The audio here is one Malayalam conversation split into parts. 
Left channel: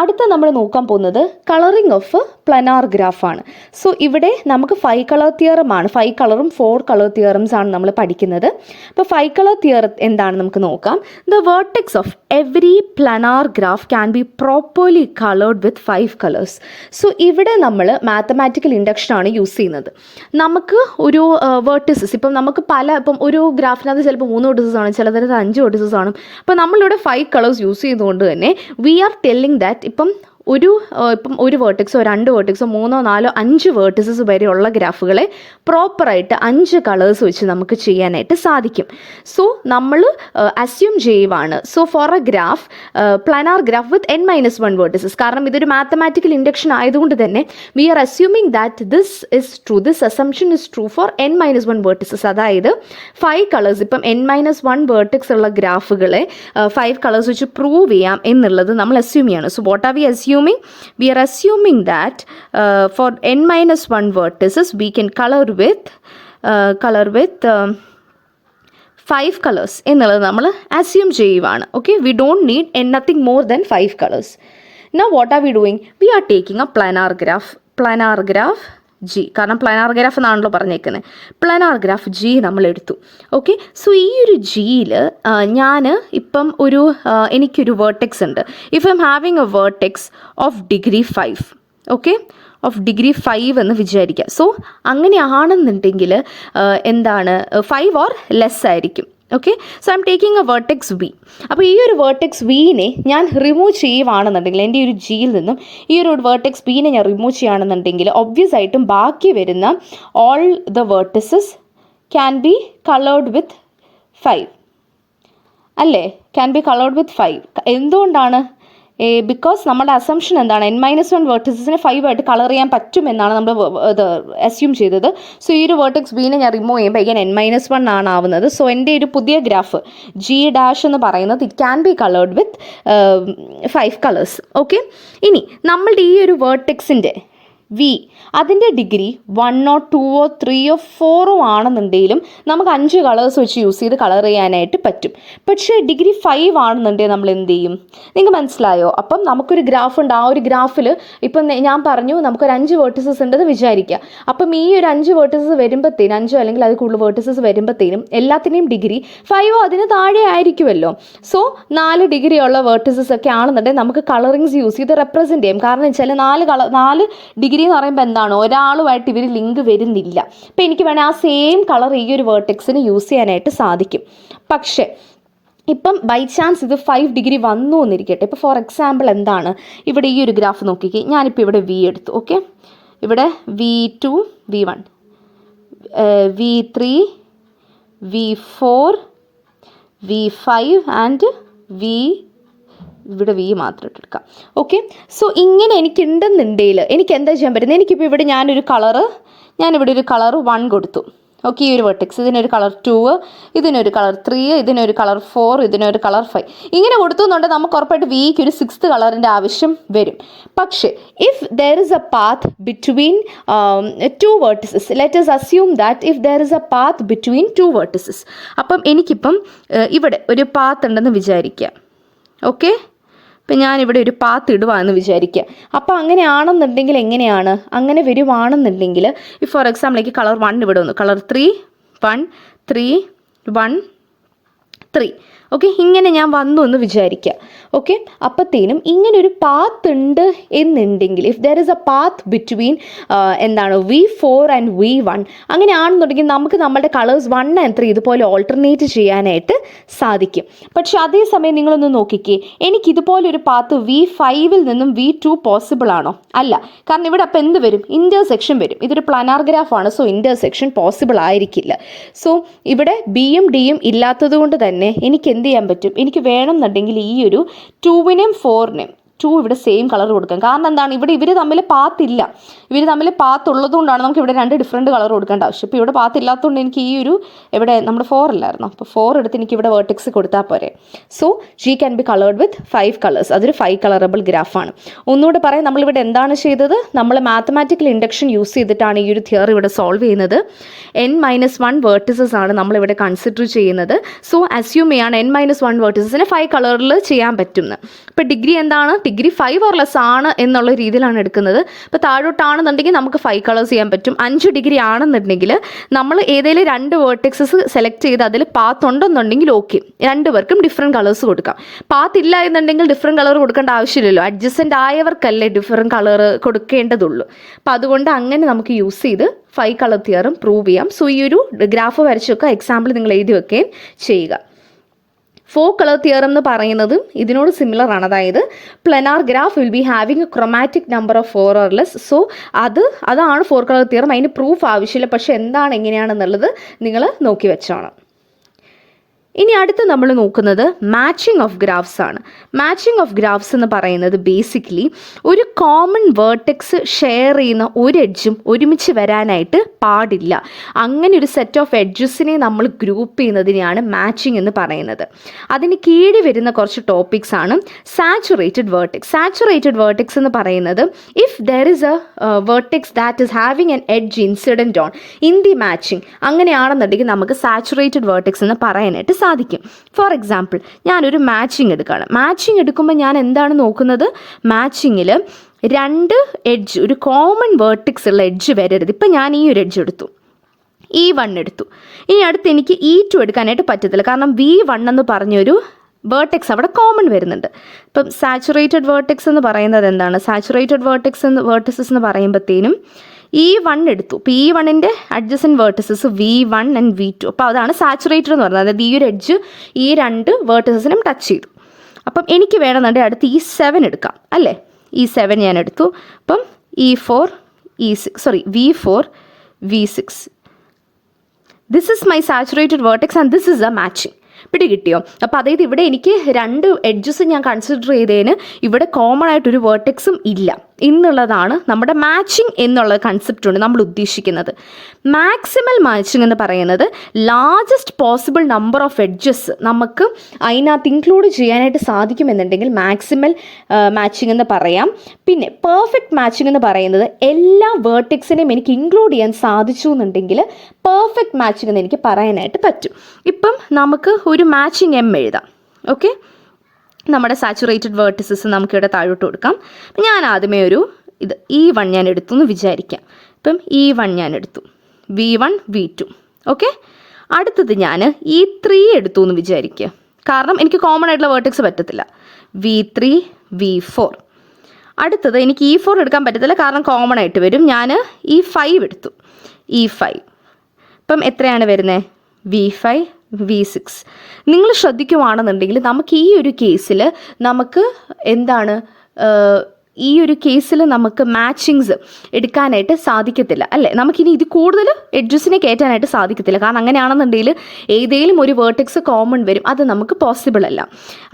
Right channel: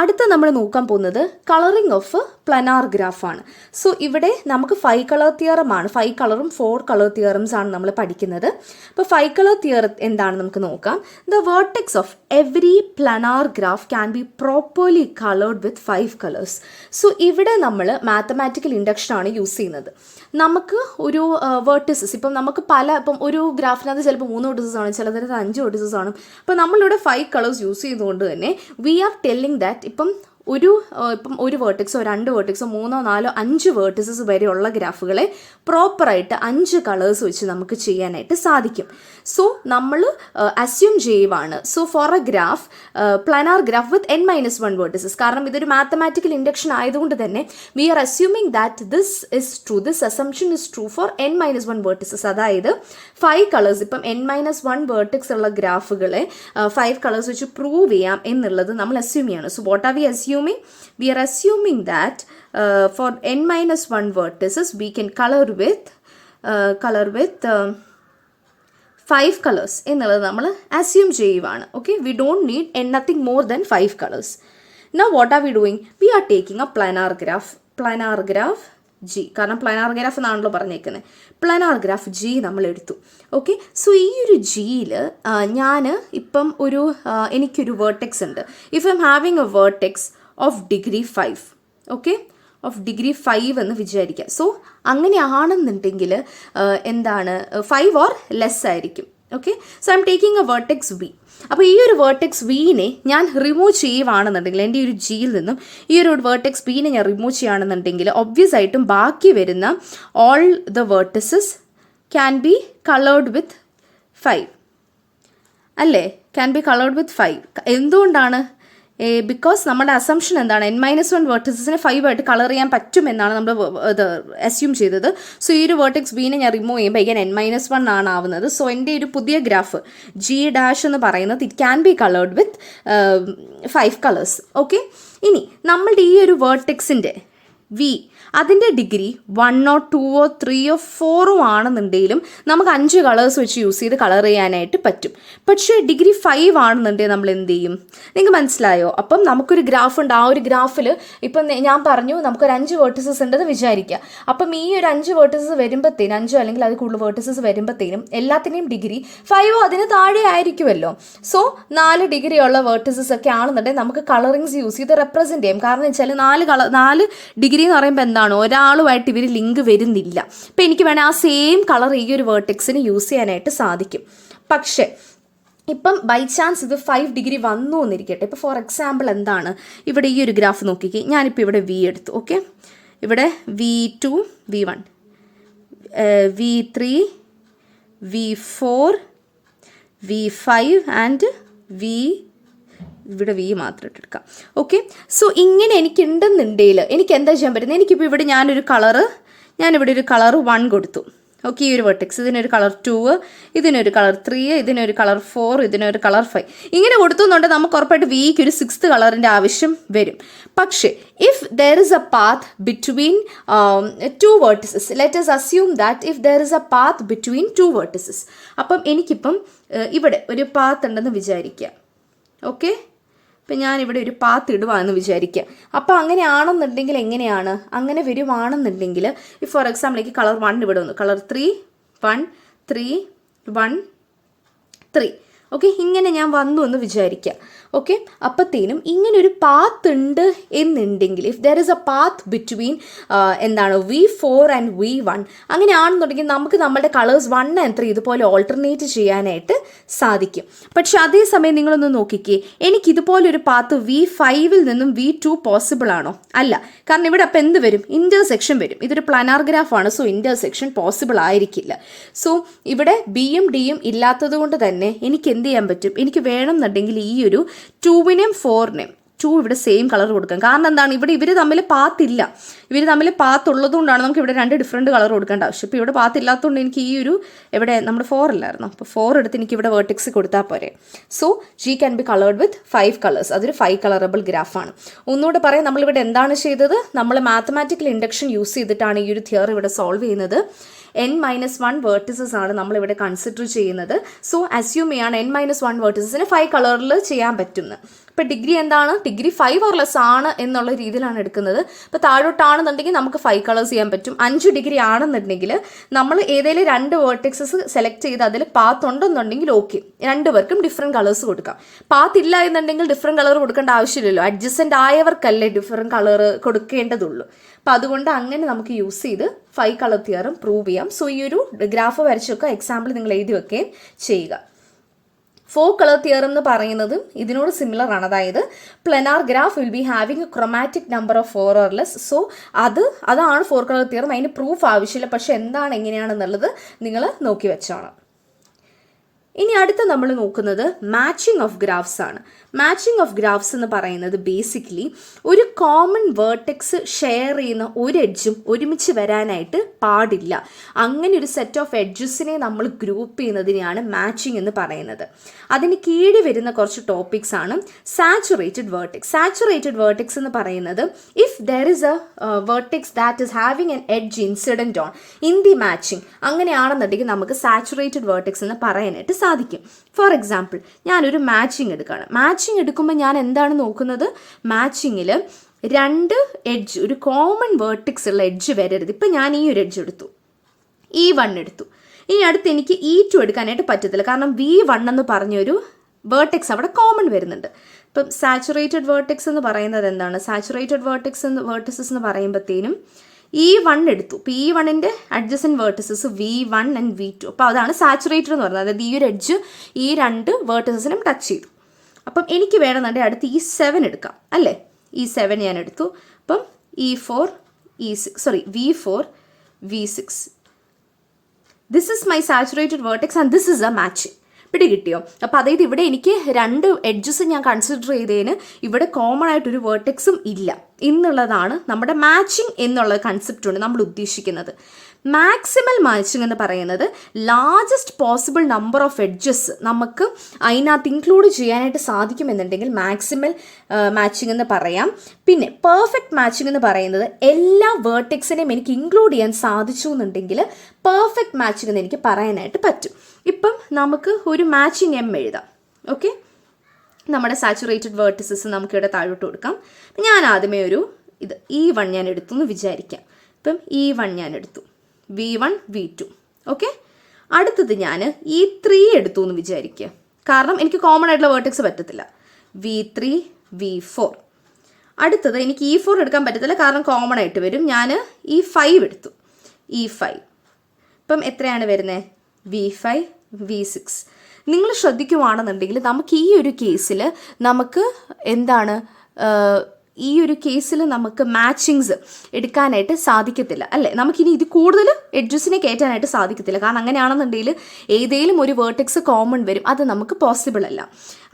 അടുത്ത നമ്മൾ നോക്കാൻ പോകുന്നത് കളറിംഗ് ഓഫ് പ്ലനാർ ഗ്രാഫാണ്. സോ ഇവിടെ നമുക്ക് 5 കളർ തിയറമാണ്, 5 കളറും 4 കളർ തിയറംസ് ആണ് നമ്മൾ പഠിക്കുന്നത്. അപ്പോൾ 5 കളർ തിയറം എന്താണ് നമുക്ക് നോക്കാം. The vertex of every planar graph can be properly coloured with 5 colours. So ഇവിടെ നമ്മൾ മാത്തമാറ്റിക്കൽ ഇൻഡക്ഷനാണ് യൂസ് ചെയ്യുന്നത്. നമുക്ക് ഒരു വേർട്ടിസസ് ഇപ്പം നമുക്ക് ഇപ്പം ഒരു ഗ്രാഫിനകത്ത് ചിലപ്പോൾ 3 വേർട്ടിസസ് ആണ്, ചിലതരത്ത് 5 വേർട്ടിസസ് ആണ്. അപ്പോൾ നമ്മളിവിടെ 5 കളേഴ്സ് യൂസ് ചെയ്തുകൊണ്ട് തന്നെ വി ആർ ടെല്ലിങ് ദാറ്റ് ഇപ്പം ഒരു വേർട്ടെക്സോ 2 വേർട്ടെക്സോ 3, 4, 5 വേർട്ടിസസ് വരെയുള്ള ഗ്രാഫുകളെ പ്രോപ്പറായിട്ട് 5 കളേഴ്സ് വെച്ച് നമുക്ക് ചെയ്യാനായിട്ട് സാധിക്കും. സോ നമ്മൾ അസ്യൂം ചെയ്യുവാണ്. So for a graph planar graph with n-1 vertices, കാരണം ഇതൊരു മാത്തമാറ്റിക്കൽ ഇൻഡക്ഷൻ ആയതുകൊണ്ട് തന്നെ we are assuming that this assumption is true for n-1 vertices. അതായത് 5 കളേഴ്സ് ഇപ്പം n-1 വേർട്ടെക്സ് ഉള്ള ഗ്രാഫുകളെ 5 കളേഴ്സ് വെച്ച് പ്രൂവ് ചെയ്യാം എന്നുള്ളത് നമ്മൾ അസ്യൂം ചെയ്യാണ്. So what are we assuming? We are assuming that for n-1 vertices we can color with 5 colors എന്നുള്ളത് നമ്മൾ അസ്യൂം ചെയ്യുവാണ്. Okay, we don't need nothing more than 5 colors. Now what are we doing? We are taking a planar graph G, കാരണം പ്ലാനാർ ഗ്രാഫ് എന്നാണല്ലോ പറഞ്ഞേക്കുന്നത്. പ്ലാനാർ ഗ്രാഫ് G നമ്മൾ എടുത്തു. ഓക്കെ, സോ ഈ ഒരു ജിയിൽ ഞാൻ ഇപ്പം എനിക്കൊരു വേർട്ടെക്സ് ഉണ്ട്. If I'm having a vertex of degree 5, okay, of degree 5 എന്ന് വിചാരിക്കുക. സോ അങ്ങനെയാണെന്നുണ്ടെങ്കിൽ എന്താണ് 5 ഓർ ലെസ് ആയിരിക്കും. Okay, so I'm taking a vertex V. അപ്പോൾ ഈ ഒരു വേർട്ടെക്സ് വിനെ ഞാൻ റിമൂവ് ചെയ്യുവാണെന്നുണ്ടെങ്കിൽ, എൻ്റെ ഈ ഒരു ജിയിൽ നിന്നും ഈ ഒരു വേർട്ടെക്സ് വിനെ ഞാൻ റിമൂവ് ചെയ്യുകയാണെന്നുണ്ടെങ്കിൽ ഒബ്വിയസ് ആയിട്ടും ബാക്കി വരുന്ന all the vertices can be coloured with 5 അല്ലേ? Can be coloured with 5. എന്തുകൊണ്ടാണ്? ബിക്കോസ് നമ്മുടെ അസംഷൻ എന്താണ്? n-1 വേർട്ടിസസിനെ 5 ആയിട്ട് കളർ ചെയ്യാൻ പറ്റുമെന്നാണ് നമ്മൾ അസ്യൂം ചെയ്തത്. സോ ഈ ഒരു വേർട്ടെക്സ് ബീനെ ഞാൻ റിമൂവ് ചെയ്യുമ്പോൾ again n-1 ആണ് ആവുന്നത്. സോ എൻ്റെ ഒരു പുതിയ ഗ്രാഫ് G' എന്ന് പറയുന്നത് it can be coloured with 5 colours. Okay, ഇനി നമ്മളുടെ ഈ ഒരു വേർട്ടെക്സിൻ്റെ വി അതിൻ്റെ ഡിഗ്രി 1 or 2 or 3 or 4 ആണെന്നുണ്ടെങ്കിലും നമുക്ക് 5 കളേഴ്സ് വെച്ച് യൂസ് ചെയ്ത് കളർ ചെയ്യാനായിട്ട് പറ്റും. പക്ഷേ ഡിഗ്രി 5 ആണെന്നുണ്ടെങ്കിൽ നമ്മൾ എന്ത് ചെയ്യും? നിങ്ങൾക്ക് മനസ്സിലായോ? അപ്പം നമുക്കൊരു ഗ്രാഫ് ഉണ്ട്. ആ ഒരു ഗ്രാഫിൽ ഇപ്പം ഞാൻ പറഞ്ഞു നമുക്കൊരു 5 വേർട്ടിസസ് ഉണ്ടെന്ന് വിചാരിക്കുക. അപ്പം ഈ ഒരു 5 വേർട്ടിസസ് വരുമ്പോഴത്തേനും 5 അല്ലെങ്കിൽ അത് കൂടുതൽ വേർട്ടിസസ് വരുമ്പോഴത്തേനും എല്ലാത്തിൻ്റെയും ഡിഗ്രി 5 അതിന് താഴെ ആയിരിക്കുമല്ലോ. സോ 4 ഡിഗ്രി ഉള്ള വേർട്ടിസസ് ഒക്കെ ആണെന്നുണ്ടെങ്കിൽ നമുക്ക് കളറിങ്സ് യൂസ് ചെയ്ത് റെപ്രസെൻറ്റ് ചെയ്യും. കാരണം വെച്ചാൽ 4 ഡിഗ്രി എന്ന് പറയുമ്പോൾ എന്താണ്, ഒരാളുമായിട്ട് ഇവർ ലിങ്ക് വരുന്നില്ല. അപ്പം എനിക്ക് വേണേൽ ആ സെയിം കളർ ഈ ഒരു വേർട്ടെക്സിന് യൂസ് ചെയ്യാനായിട്ട് സാധിക്കും. പക്ഷേ ഇപ്പം ബൈ ചാൻസ് ഇത് 5 ഡിഗ്രി വന്നു എന്നിരിക്കട്ടെ. ഇപ്പോൾ ഫോർ എക്സാമ്പിൾ എന്താണ്, ഇവിടെ ഈ ഒരു ഗ്രാഫ് നോക്കിക്കേ. ഞാനിപ്പോൾ ഇവിടെ വി എടുത്തു. ഓക്കെ, ഇവിടെ V2, V1, V3, V4, V5 and ഇവിടെ വി മാത്രം എടുക്കാം. ഓക്കെ, സോ ഇങ്ങനെ എനിക്കുണ്ടെന്നുണ്ടെങ്കിൽ എനിക്ക് എന്താ ചെയ്യാൻ പറ്റുന്നത്? എനിക്കിപ്പോൾ ഇവിടെ ഞാനിവിടെ ഒരു കളർ 1 കൊടുത്തു. ഓക്കെ, ഈ ഒരു വെർട്ടെക്സ് ഇതിനൊരു കളർ 2, ഇതിനൊരു കളർ 3, ഇതിനൊരു കളർ 4, ഇതിനൊരു കളർ 5 ഇങ്ങനെ കൊടുത്തുന്നുണ്ട്. നമുക്ക് ഉറപ്പായിട്ട് വിക്ക് ഒരു 6th കളറിൻ്റെ ആവശ്യം വരും. പക്ഷേ if there is a path between 2 vertices, let us assume that if there is a path between 2 vertices, അപ്പം എനിക്കിപ്പം ഇവിടെ ഒരു പാത്ത് ഉണ്ടെന്ന് വിചാരിക്കുക. ഓക്കെ, ഇപ്പം ഞാനിവിടെ ഒരു പാത്ത് ഇടുവാന്ന് വിചാരിക്കുക. അപ്പോൾ അങ്ങനെയാണെന്നുണ്ടെങ്കിൽ എങ്ങനെയാണ്? അങ്ങനെ വരുവാണെന്നുണ്ടെങ്കിൽ ഈ ഫോർ എക്സാമ്പിൾ കളർ 1 ഇവിടെ വന്നു, കളർ 3, 1, 3, 1, 3. ഓക്കെ, ഇങ്ങനെ ഞാൻ വന്നു എന്ന് വിചാരിക്കുക. ഓക്കെ, അപ്പോഴത്തേനും ഇങ്ങനൊരു പാത്ത് ഉണ്ട് എന്നുണ്ടെങ്കിൽ if there is A path between V4 and V1 അങ്ങനെയാണെന്നുണ്ടെങ്കിൽ നമുക്ക് നമ്മുടെ കളേഴ്സ് 1 and 3 ഇതുപോലെ ഓൾട്ടർനേറ്റ് ചെയ്യാനായിട്ട് സാധിക്കും. പക്ഷെ അതേസമയം നിങ്ങളൊന്ന് നോക്കിക്കേ, എനിക്കിതുപോലൊരു പാത്ത് V5 നിന്നും V2 പോസിബിൾ ആണോ? അല്ല. കാരണം ഇവിടെ അപ്പോൾ എന്ത് വരും? ഇൻ്റർസെക്ഷൻ വരും. ഇതൊരു പ്ലാനാർ ഗ്രാഫാണ്. സോ ഇൻ്റർസെക്ഷൻ പോസിബിൾ ആയിരിക്കില്ല. സോ ഇവിടെ ബിയും ഡിയും ഇല്ലാത്തത് കൊണ്ട് തന്നെ എനിക്ക് എന്ത് ചെയ്യാൻ പറ്റും? എനിക്ക് വേണമെന്നുണ്ടെങ്കിൽ ഈ ഒരു 2നും 4നും 2 ഇവിടെ സെയിം കളർ കൊടുക്കാം. കാരണം എന്താണ്? ഇവിടെ ഇവർ തമ്മിൽ പാത്തില്ല. ഇവർ തമ്മിൽ പാത്ത് ഉള്ളതുകൊണ്ടാണ് നമുക്ക് ഇവിടെ 2 ഡിഫറെൻറ്റ് കളർ കൊടുക്കേണ്ട ആവശ്യം. ഇപ്പോൾ ഇവിടെ പാത്ത് ഇല്ലാത്തതുകൊണ്ട് എനിക്ക് ഈ ഒരു ഇവിടെ നമ്മുടെ 4 അല്ലായിരുന്നു, അപ്പോൾ 4 എടുത്ത് എനിക്ക് ഇവിടെ വേർട്ടെക്സ് കൊടുത്താൽ പോരെ. So G can be coloured with 5 colours. അതൊരു 5 കളറബിൾ ഗ്രാഫാണ്. ഒന്നുകൂടെ പറയാം, നമ്മളിവിടെ എന്താണ് ചെയ്തത്? നമ്മൾ മാത്തമാറ്റിക്കൽ ഇൻഡക്ഷൻ യൂസ് ചെയ്തിട്ടാണ് ഈ ഒരു തിയറി ഇവിടെ സോൾവ് ചെയ്യുന്നത്. n-1 വേർട്ടിസസ് ആണ് നമ്മളിവിടെ കൺസിഡർ ചെയ്യുന്നത്. സോ അസ്യൂം ചെയ്യാണ് n-1 വേർട്ടിസസിനെ 5 കളറിൽ ചെയ്യാൻ പറ്റുമെന്ന്. ഇപ്പോൾ ഡിഗ്രി എന്താണ്, ഡിഗ്രി 5 ഓർ ലെസ് ആണ് എന്നുള്ള രീതിയിലാണ് എടുക്കുന്നത്. ഇപ്പോൾ താഴോട്ടാണെന്നുണ്ടെങ്കിൽ നമുക്ക് 5 കളേഴ്സ് ചെയ്യാൻ പറ്റും. 5 ഡിഗ്രി ആണെന്നുണ്ടെങ്കിൽ നമ്മൾ ഏതെങ്കിലും 2 വേർട്ടെക്സസ് സെലക്ട് ചെയ്ത് അതിൽ പാത്ത് ഉണ്ടെന്നുണ്ടെങ്കിൽ ഓക്കെ, 2 പേർക്കും ഡിഫറെൻറ്റ് കളേഴ്സ് കൊടുക്കാം. പാത്ത് ഇല്ല എന്നുണ്ടെങ്കിൽ ഡിഫറെൻറ്റ് കളർ കൊടുക്കേണ്ട ആവശ്യമില്ലല്ലോ, അഡ്ജസ്റ്റൻ്റ് ആയവർക്കല്ലേ ഡിഫറെൻറ്റ് കളർ കൊടുക്കേണ്ടതുള്ളൂ. അപ്പം അതുകൊണ്ട് അങ്ങനെ നമുക്ക് യൂസ് ചെയ്ത് 5 കളർ തിയറം പ്രൂവ് ചെയ്യാം. സോ ഈ ഒരു ഗ്രാഫ് വരച്ച് വെക്കുക, എക്സാമ്പിൾ നിങ്ങൾ എഴുതി വെക്കുകയും ചെയ്യുക. 4 കളർ തിയറം എന്ന് പറയുന്നതും ഇതിനോട് സിമിലർ ആണ്. അതായത് planar graph will be having A chromatic number of 4 or less. So അതാണ് 4 കളർ തിയറം. അതിന് പ്രൂഫ് ആവശ്യമില്ല, പക്ഷെ എന്താണ് എങ്ങനെയാണെന്നുള്ളത് നിങ്ങൾ നോക്കി വെച്ചോണം. ഇനി അടുത്ത് നമ്മൾ നോക്കുന്നത് മാച്ചിങ് ഓഫ് ഗ്രാഫ്സ് ആണ്. മാച്ചിങ് ഓഫ് ഗ്രാഫ്സ് എന്ന് പറയുന്നത് ബേസിക്കലി ഒരു കോമൺ വേർട്ടെക്സ് ഷെയർ ചെയ്യുന്ന ഒരു എഡ്ജും ഒരുമിച്ച് വരാനായിട്ട് പാടില്ല. അങ്ങനെ ഒരു സെറ്റ് ഓഫ് എഡ്ജസിനെ നമ്മൾ ഗ്രൂപ്പ് ചെയ്യുന്നതിനെയാണ് മാച്ചിങ് എന്ന് പറയുന്നത്. അതിന് കീഴിൽ വരുന്ന കുറച്ച് ടോപ്പിക്സ് ആണ് സാച്ചുറേറ്റഡ് വേർട്ടെക്സ്. സാച്ചുറേറ്റഡ് വേർട്ടെക്സ് എന്ന് പറയുന്നത് if there is A vertex that is having N edge incident on in the matching, അങ്ങനെയാണെന്നുണ്ടെങ്കിൽ നമുക്ക് സാച്ചുറേറ്റഡ് വേർട്ടെക്സ് എന്ന് പറയാനായിട്ട് സാധിക്കും. ഫോർ എക്സാമ്പിൾ ഞാനൊരു മാച്ചിങ് എടുക്കുകയാണ്. മാച്ചിങ് എടുക്കുമ്പോൾ ഞാൻ എന്താണ് നോക്കുന്നത്, മാച്ചിങ്ങിൽ 2 എഡ്ജ്, ഒരു കോമൺ വേർട്ടെക്സ് ഉള്ള എഡ്ജ് വരരുത്. ഇപ്പം ഞാൻ ഈ ഒരു എഡ്ജ് എടുത്തു, E1 എടുത്തു. ഇനി അടുത്ത് എനിക്ക് E2 എടുക്കാനായിട്ട് പറ്റത്തില്ല, കാരണം V1 എന്ന് പറഞ്ഞൊരു വേർട്ടെക്സ് അവിടെ കോമൺ വരുന്നുണ്ട്. ഇപ്പം സാച്ചുറേറ്റഡ് വേർട്ടെക്സ് എന്ന് പറയുന്നത് എന്താണ്, സാച്ചുറേറ്റഡ് വേർട്ടെക്സസ് എന്ന് പറയുമ്പോഴത്തേനും E1 എടുത്തു. ഇപ്പോൾ E1ൻ്റെ adjacent vertices V1 and V2. അപ്പോൾ അതാണ് സാച്ചുറേറ്റഡ് എന്ന് പറയുന്നത്. അതായത് ഈ ഒരു എഡ്ജ് ഈ 2 വേർട്ടസസിനും ടച്ച് ചെയ്തു. അപ്പം എനിക്ക് വേണമെന്നുണ്ടെങ്കിൽ അടുത്ത് E7 എടുക്കാം അല്ലേ. E7 ഞാൻ എടുത്തു. അപ്പം V4 V6. This is my saturated vertex and this is A matching. പിടി കിട്ടിയോ? അപ്പോൾ അതായത് ഇവിടെ എനിക്ക് 2 എഡ്ജസ് ഞാൻ കൺസിഡർ ചെയ്തതിന് ഇവിടെ കോമൺ ആയിട്ടൊരു വേർട്ടെക്സും ഇല്ല എന്നുള്ളതാണ് നമ്മുടെ മാച്ചിങ് എന്നുള്ള കൺസെപ്റ്റ് കൊണ്ട് നമ്മൾ ഉദ്ദേശിക്കുന്നത്. മാക്സിമൽ മാച്ചിങ് എന്ന് പറയുന്നത് largest possible number of edges നമുക്ക് അതിനകത്ത് ഇൻക്ലൂഡ് ചെയ്യാനായിട്ട് സാധിക്കുമെന്നുണ്ടെങ്കിൽ മാക്സിമൽ മാച്ചിങ് എന്ന് പറയാം. പിന്നെ പെർഫെക്റ്റ് മാച്ചിങ് എന്ന് പറയുന്നത് എല്ലാ വേർട്ടെക്സിനെയും എനിക്ക് ഇൻക്ലൂഡ് ചെയ്യാൻ സാധിച്ചു എന്നുണ്ടെങ്കിൽ പെർഫെക്റ്റ് മാച്ചിങ് എന്ന് എനിക്ക് പറയാനായിട്ട് പറ്റും. ഇപ്പം നമുക്ക് ഒരു മാച്ചിങ് M എഴുതാം. ഓക്കെ, നമ്മുടെ സാച്ചുറേറ്റഡ് വേർട്ടസസ് നമുക്കിവിടെ താഴോട്ട് കൊടുക്കാം. ഞാൻ ആദ്യമേ ഇത് E1 ഞാൻ എടുത്തു എന്ന് വിചാരിക്കാം. ഇപ്പം E1 ഞാൻ എടുത്തു, V1 V2. ഓക്കെ, അടുത്തത് ഞാൻ E3 എടുത്തു എന്ന് വിചാരിക്കുക, കാരണം എനിക്ക് കോമൺ ആയിട്ടുള്ള വേർട്ടെക്സ് പറ്റത്തില്ല. V3 V4. അടുത്തത് എനിക്ക് E4 എടുക്കാൻ പറ്റത്തില്ല, കാരണം കോമൺ ആയിട്ട് വരും. ഞാൻ E5 എടുത്തു, E5. ഇപ്പം എത്രയാണ് വരുന്നത്, V5 V6. നിങ്ങൾ ശ്രദ്ധിക്കുവാണെന്നുണ്ടെങ്കിൽ നമുക്ക് ഈ ഒരു കേസിൽ നമുക്ക് എന്താണ്, ഈ ഒരു കേസിൽ നമുക്ക് മാച്ചിങ്സ് എടുക്കാനായിട്ട് സാധിക്കത്തില്ല അല്ലേ. നമുക്കിനി ഇത് കൂടുതൽ എഡ്ജസിനെ കയറ്റാനായിട്ട് സാധിക്കത്തില്ല, കാരണം അങ്ങനെയാണെന്നുണ്ടെങ്കിൽ ഏതെങ്കിലും ഒരു വേർട്ടെക്സ് കോമൺ വരും, അത് നമുക്ക് പോസിബിൾ അല്ല.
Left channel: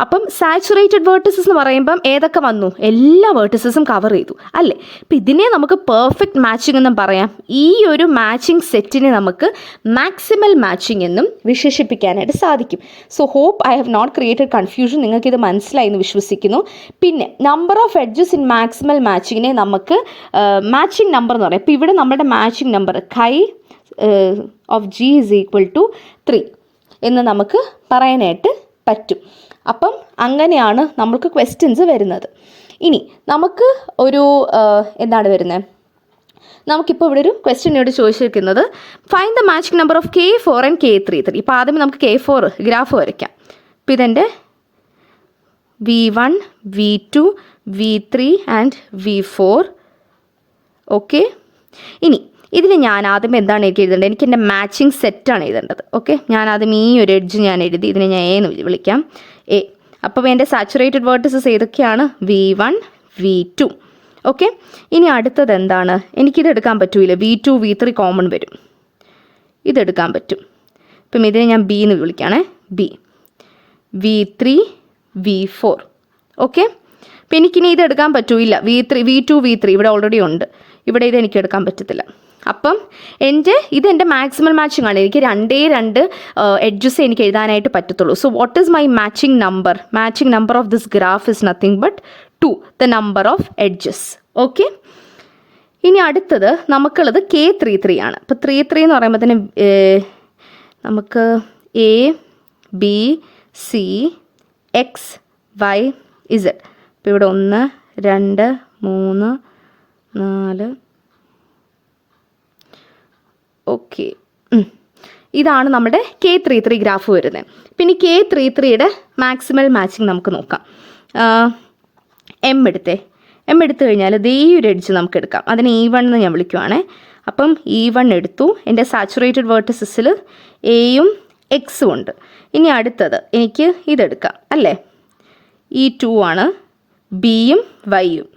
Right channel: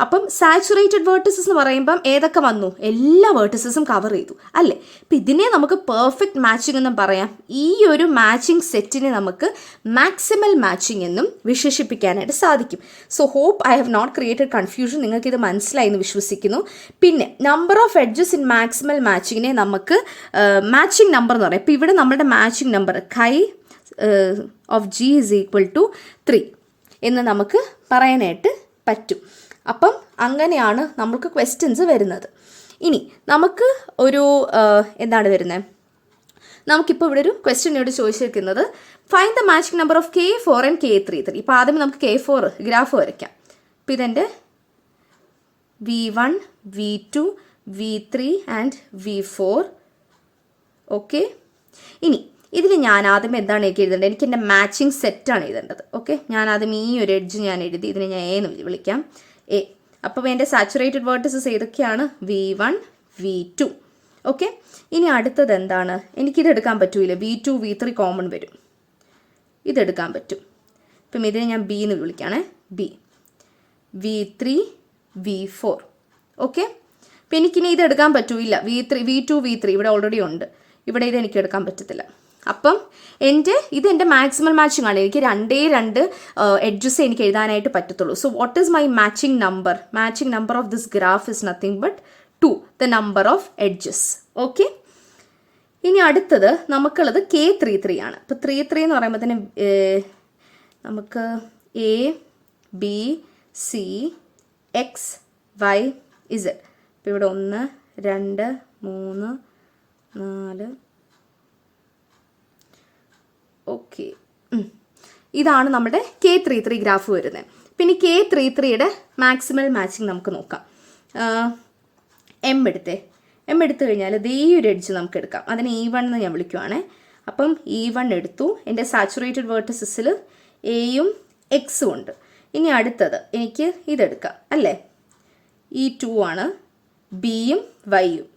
അപ്പം സാച്ചുറേറ്റഡ് വേർട്ടസസ് എന്ന് പറയുമ്പം ഏതൊക്കെ വന്നു, എല്ലാ വേർട്ടസസും കവർ ചെയ്തു അല്ലേ. അപ്പം ഇതിനെ നമുക്ക് പെർഫെക്റ്റ് മാച്ചിങ് എന്നും പറയാം. ഈ ഒരു മാച്ചിങ് സെറ്റിനെ നമുക്ക് മാക്സിമൽ മാച്ചിങ് എന്നും വിശേഷിപ്പിക്കാനായിട്ട് സാധിക്കും. So hope I have not created confusion. നിങ്ങൾക്കിത് മനസ്സിലായി എന്ന് വിശ്വസിക്കുന്നു. പിന്നെ number of edges in maximal മാച്ചിങ്ങിനെ നമുക്ക് മാച്ചിങ് നമ്പർ എന്ന് പറയാം. ഇപ്പോൾ ഇവിടെ നമ്മുടെ matching number chi of G is equal to 3 എന്ന് നമുക്ക് പറയാനായിട്ട് പറ്റും. അപ്പം അങ്ങനെയാണ് നമുക്ക് ക്വസ്റ്റ്യൻസ് വരുന്നത്. ഇനി നമുക്ക് ഒരു എന്താണ് വരുന്നത്, നമുക്കിപ്പോൾ ഇവിടെ ഒരു ക്വസ്റ്റ്യനോട് ചോദിച്ചിരിക്കുന്നത് find the matching number of K4 and K3. ഇപ്പോൾ ആദ്യം നമുക്ക് K4 ഗ്രാഫ് വരയ്ക്കാം. ഇപ്പോൾ ഇതെൻ്റെ V1 V2 V3 and V4. Okay, ഇനി ഇതിൽ ഞാൻ ആദ്യം എന്താണ് എനിക്ക് എഴുതേണ്ടത്, എനിക്ക് എൻ്റെ മാച്ചിങ് സെറ്റാണ് എഴുതേണ്ടത്. ഓക്കെ, ഞാൻ ആദ്യം ഈ ഒരു എഡ്ജ് ഞാൻ എഴുതി, ഇതിനെ ഞാൻ A എന്ന് വിളിക്കാം, A. അപ്പോൾ എൻ്റെ സാച്ചുറേറ്റഡ് വേർട്ടസസ് ഏതൊക്കെയാണ്, V1 V2. ഓക്കെ, ഇനി അടുത്തത് എന്താണ്, എനിക്കിത് എടുക്കാൻ പറ്റൂല, V2 V3 കോമൺ വരും, ഇതെടുക്കാൻ പറ്റും. ഇപ്പം ഇതിനെ ഞാൻ B എന്ന് വിളിക്കുകയാണേ, B V3 V4. ഓക്കെ, അപ്പം എനിക്കിനി ഇത് എടുക്കാൻ പറ്റൂല, V2 V3 ഇവിടെ ഓൾറെഡി ഉണ്ട്, ഇവിടെ ഇത് എനിക്ക് എടുക്കാൻ പറ്റത്തില്ല. അപ്പം ഇതെൻ്റെ മാക്സിമൽ മാച്ചിങ് ആണ്. എനിക്ക് 2 എഡ്ജസ് എനിക്ക് എഴുതാനായിട്ട് പറ്റത്തുള്ളൂ. So what is my matching number? Matching number of this graph is nothing but 2, the number of edges. Okay, ഇനി അടുത്തത് നമുക്കുള്ളത് K33 ആണ്. അപ്പോൾ 33 എന്ന് പറയുമ്പോൾ തന്നെ നമുക്ക് A B C X Y Z ഇപ്പോൾ ഇവിടെ 1 2 3 4 ഓക്കെ. ഇതാണ് നമ്മുടെ K33 ഗ്രാഫ് വരുന്നത്. പിന്നെ K33യുടെ മാക്സിമൽ മാച്ചിങ് നമുക്ക് നോക്കാം. എം എടുത്തു കഴിഞ്ഞാൽ ദേ ഒരു എഡ്ജ് നമുക്ക് എടുക്കാം. അതിന് E1 എന്ന് ഞാൻ വിളിക്കുവാണേ. അപ്പം E1 എടുത്തു. എൻ്റെ സാച്ചുറേറ്റഡ് വേർട്ടിസസിൽ എയും എക്സും ഉണ്ട്. ഇനി അടുത്തത് എനിക്ക് ഇതെടുക്കാം അല്ലേ, E2 ആണ്, ബിയും വൈയും.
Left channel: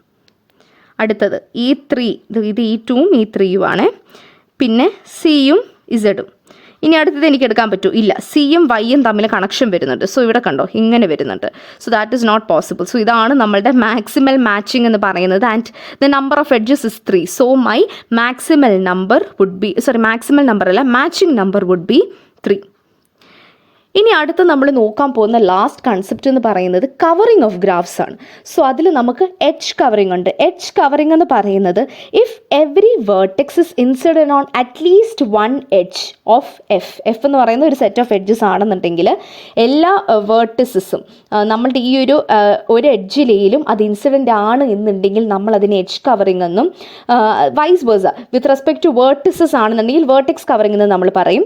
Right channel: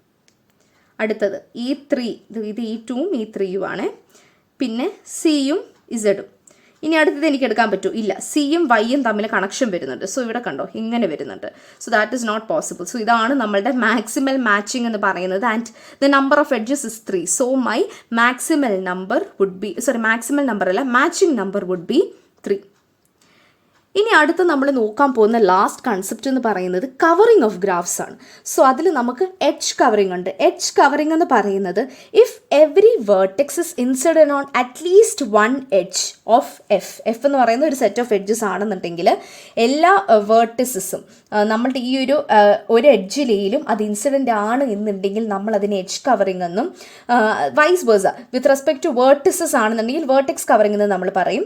അടുത്തത് E3, ഇത് E2ഉം E3യും ആണ്. പിന്നെ സിയും ഇസഡും. ഇനി അടുത്തത് എനിക്ക് എടുക്കാൻ പറ്റൂ? ഇല്ല, സിയും വൈയും തമ്മിൽ കണക്ഷൻ വരുന്നുണ്ട്. സോ ഇവിടെ കണ്ടോ ഇങ്ങനെ വരുന്നുണ്ട്. So that is not possible. So ഇതാണ് നമ്മളുടെ മാക്സിമൽ മാച്ചിങ് എന്ന് പറയുന്നത്. And the number of edges is 3. So my maximal number would be, maximal number അല്ല, മാച്ചിങ് നമ്പർ വുഡ് ബി 3. ഇനി അടുത്ത് നമ്മൾ നോക്കാൻ പോകുന്ന ലാസ്റ്റ് കൺസെപ്റ്റ് എന്ന് പറയുന്നത് കവറിങ് ഓഫ് ഗ്രാഫ്സ് ആണ്. സോ അതിൽ നമുക്ക് എഡ്ജ് കവറിങ് ഉണ്ട്. എഡ്ജ് കവറിങ് എന്ന് പറയുന്നത് if every vertex is incident on at least 1 edge of F എന്ന് പറയുന്ന ഒരു സെറ്റ് ഓഫ് എഡ്ജസ് ആണെന്നുണ്ടെങ്കിൽ എല്ലാ വേർട്ടിസസും നമ്മളുടെ ഈ ഒരു എഡ്ജിലെയും അത് ഇൻസിഡൻ്റ് ആണ് എന്നുണ്ടെങ്കിൽ നമ്മൾ അതിനെ എഡ്ജ് കവറിങ് എന്നും, vice versa with respect to vertices ആണെന്നുണ്ടെങ്കിൽ വേർട്ടെക്സ് കവറിങ് എന്ന് നമ്മൾ പറയും.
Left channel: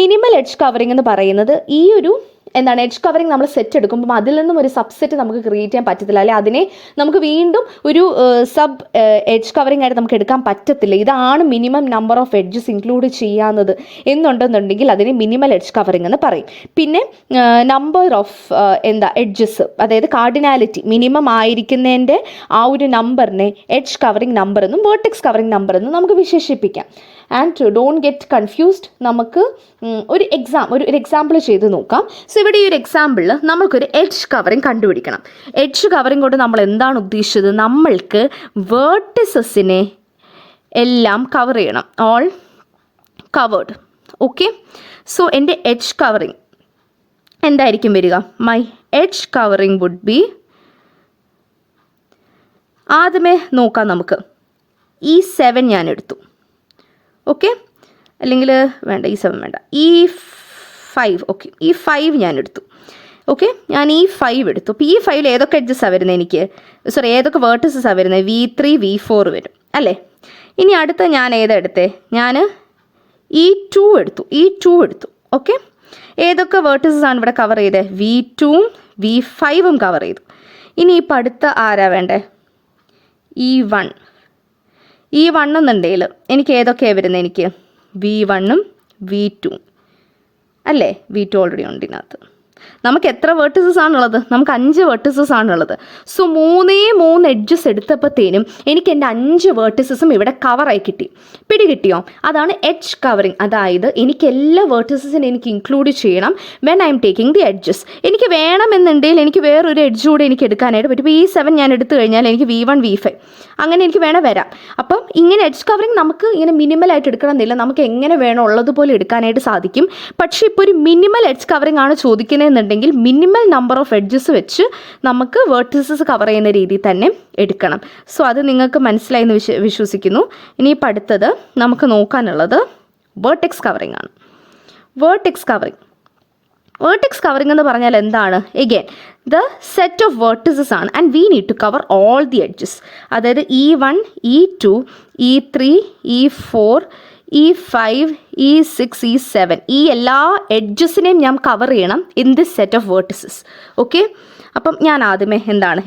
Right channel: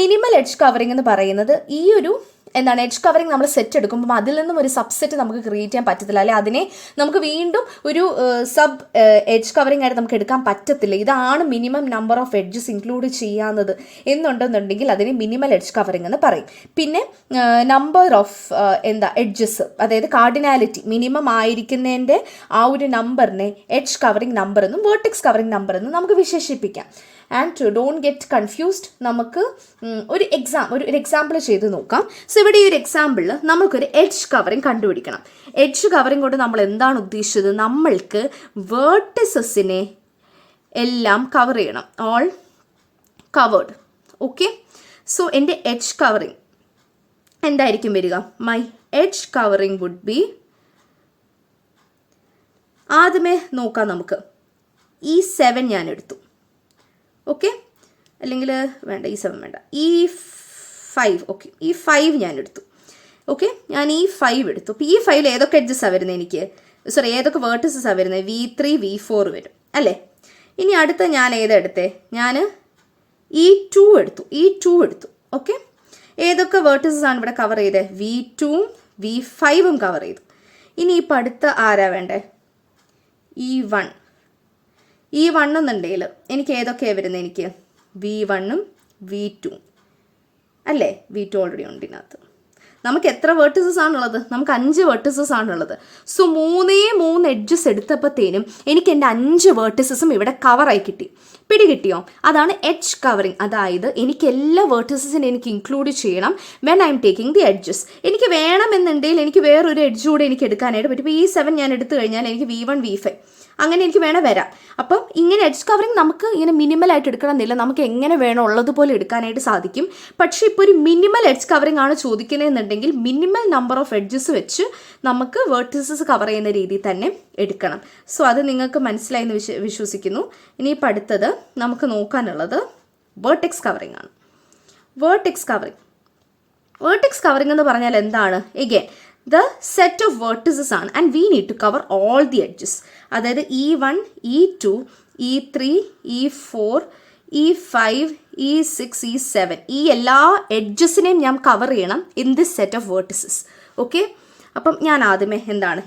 മിനിമൽ എഡ്ജ് കവറിങ് എന്ന് പറയുന്നത് ഈ എഡ്ജ് കവറിങ് നമ്മൾ സെറ്റ് എടുക്കുമ്പോൾ അതിൽ നിന്നും ഒരു സബ്സെറ്റ് നമുക്ക് ക്രിയേറ്റ് ചെയ്യാൻ പറ്റത്തില്ല, അല്ലെ അതിനെ നമുക്ക് വീണ്ടും ഒരു സബ് എഡ്ജ് കവറിങ് ആയിട്ട് നമുക്ക് എടുക്കാൻ പറ്റത്തില്ല. ഇതാണ് minimum number of edges include ചെയ്യാവുന്നത് എന്നുണ്ടെന്നുണ്ടെങ്കിൽ അതിനെ മിനിമൽ എഡ്ജ് കവറിങ് എന്ന് പറയും. പിന്നെ നമ്പർ ഓഫ് എഡ്ജസ്, അതായത് കാർഡിനാലിറ്റി മിനിമം ആയിരിക്കുന്നതിൻ്റെ ആ ഒരു നമ്പറിനെ എഡ്ജ് കവറിങ് നമ്പർ എന്നും വേർട്ടെക്സ് കവറിങ് നമ്പർ എന്നും നമുക്ക് വിശേഷിപ്പിക്കാം. And don't get confused. നമുക്ക് ഒരു എക്സാമ്പിൾ ചെയ്ത് നോക്കാം. സോ ഇവിടെ ഈ ഒരു എക്സാമ്പിളിൽ നമ്മൾക്കൊരു എഡ്ജ് കവറിങ് കണ്ടുപിടിക്കണം. എഡ്ജ് കവറിങ് കൊണ്ട് നമ്മൾ എന്താണ് ഉദ്ദേശിച്ചത്? നമ്മൾക്ക് വേർട്ടിസസിനെ എല്ലാം കവർ ചെയ്യണം, ഓൾ കവേർഡ്. ഓക്കെ, സോ എൻ്റെ എഡ്ജ് കവറിങ് എന്തായിരിക്കും വരിക? My edge covering would be, ആദ്യമേ നോക്കാം നമുക്ക്. E7 ഞാൻ എടുത്തു. ഓക്കെ, അല്ലെങ്കിൽ വേണ്ട, E7 വേണ്ട, E5. ഓക്കെ, E5 ഞാൻ എടുത്തു. ഓക്കെ, ഞാൻ E5 എടുത്തു. അപ്പോൾ E5ൽ ഏതൊക്കെ എഡ്ജസാണ് വരുന്നത്? എനിക്ക് ഏതൊക്കെ വേർട്ടിസസാണ് വരുന്നത്? V3 V4 വരും അല്ലേ. ഇനി അടുത്ത ഞാൻ ഏതെടുത്തേ? ഞാൻ E2 എടുത്തു. ഓക്കെ, ഏതൊക്കെ വേർട്ടിസസാണ് ഇവിടെ കവർ ചെയ്തത്? V2ഉം V5ഉം കവർ ചെയ്തു. ഇനി ഇപ്പോൾ അടുത്ത ആരാ വേണ്ടേ? E1 എന്നുണ്ടെങ്കിൽ എനിക്ക് ഏതൊക്കെയാണ് വരുന്നത്? എനിക്ക് V1ഉം V2ഉം അല്ലേ. V2 ഓൾറെഡി ഉണ്ട് ഇതിനകത്ത്. നമുക്ക് എത്ര വേർട്ടിസസ് ആണുള്ളത്? നമുക്ക് 5 വേർട്ടിസസ് ആണുള്ളത്. സോ 3 എഡ്ജസ് എടുത്തപ്പോഴത്തേനും എനിക്ക് എൻ്റെ 5 വേർട്ടിസസും ഇവിടെ കവറായി കിട്ടി. പിടികിട്ടിയോ? അതാണ് എഡ്ജ് കവറിങ്. അതായത് എനിക്ക് എല്ലാ വേർട്ടിസസിനും എനിക്ക് ഇൻക്ലൂഡ് ചെയ്യണം when I am taking the edges. എനിക്ക് വേണമെന്നുണ്ടെങ്കിൽ എനിക്ക് വേറൊരു എഡ്ജ് കൂടെ എനിക്ക് എടുക്കാനായിട്ട് പറ്റും. ഇപ്പോൾ E7 ഞാൻ എടുത്തു കഴിഞ്ഞാൽ എനിക്ക് V1 V5 അങ്ങനെ എനിക്ക് വരാം. അപ്പം ഇങ്ങനെ എഡ്ജ് കവറിങ് നമുക്ക് ഇങ്ങനെ മിനിമലായിട്ട് എടുക്കണമെന്നില്ല, നമുക്ക് എങ്ങനെ വേണോ ഉള്ളതുപോലെ എടുക്കാനായിട്ട് സാധിക്കും. പക്ഷേ ഇപ്പോൾ ഒരു മിനിമൽ എഡ്ജ് കവറിങ് ആണ് ചോദിക്കുന്നതെന്നുണ്ടെങ്കിൽ മിനിമൽ നമ്പർ ഓഫ് എഡ്ജസ് വെച്ച് നമുക്ക് വേർട്ടിസസ് കവർ ചെയ്യുന്ന രീതിയിൽ തന്നെ എടുക്കണം. സോ അത് നിങ്ങൾക്ക് മനസ്സിലായി എന്ന് വിശ്വസിക്കുന്നു. ഇനിയിപ്പോൾ അടുത്തത് നമുക്ക് നോക്കാനുള്ളത് വേർട്ടെക്സ് കവറിങ് ആണ്. വേർട്ടെക്സ് കവറിങ് എന്ന് പറഞ്ഞാൽ എന്താണ്? Again the set of vertices ആണ് and we need to cover all the edges. അതായത് E1 E2 E3 E4 E5 E6 E7 ഈ എല്ലാ എഡ്ജസിനെയും ഞാൻ കവർ ചെയ്യണം in this set of vertices. Okay, അപ്പം ഞാൻ ആദ്യമേ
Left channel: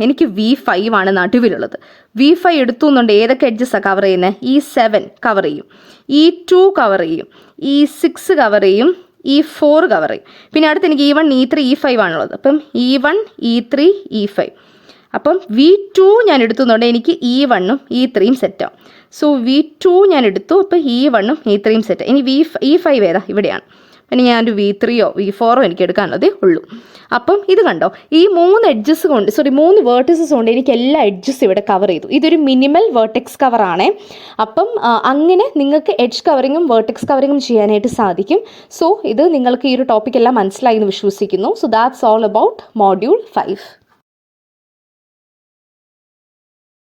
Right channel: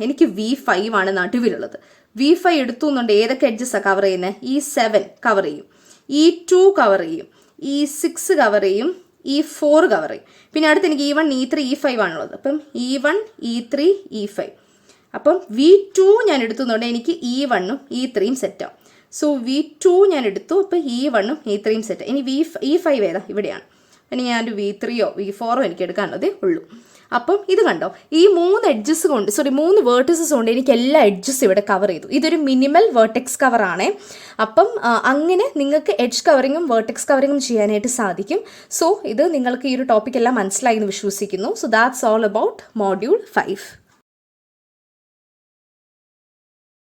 എനിക്ക് V5 ആണ് നടുവിലുള്ളത്. V5 എടുത്തു എന്നുണ്ട്. ഏതൊക്കെ എഡ്ജസാണ് കവർ ചെയ്യുന്നത്? E7 കവർ ചെയ്യും, E2 കവർ ചെയ്യും, E6 കവർ ചെയ്യും, E4 കവർ ചെയ്യും. പിന്നെ അടുത്ത് എനിക്ക് E1 E3 E5 ആണുള്ളത്. അപ്പം E1 E3 E5. അപ്പം V2 ഞാൻ എടുത്തുന്നുണ്ട്. എനിക്ക് E1ഉം E3യും സെറ്റാവും. സോ V2 ഞാൻ എടുത്തു. അപ്പോൾ E1ഉം E3യും സെറ്റ്. ഇനി E5 ഏതാ? ഇവിടെയാണ്. ഇനി ഞാനൊരു V3യോ V4ഓ എനിക്ക് എടുക്കാനുള്ളതേ ഉള്ളൂ. അപ്പം ഇത് കണ്ടോ, ഈ 3 എഡ്ജസ് കൊണ്ട് 3 വേർട്ടിസസ് കൊണ്ട് എനിക്ക് എല്ലാ എഡ്ജസ് ഇവിടെ കവർ ചെയ്തു. ഇതൊരു മിനിമൽ വേർട്ടെക്സ് കവറാണ്. അപ്പം അങ്ങനെ നിങ്ങൾക്ക് എഡ്ജ് കവറിങ്ങും വേർട്ടെക്സ് കവറിങ്ങും ചെയ്യാനായിട്ട് സാധിക്കും. സോ ഇത് നിങ്ങൾക്ക് ഈ ഒരു ടോപ്പിക് എല്ലാം മനസ്സിലായി എന്ന് വിശ്വസിക്കുന്നു. So that's all about module 5.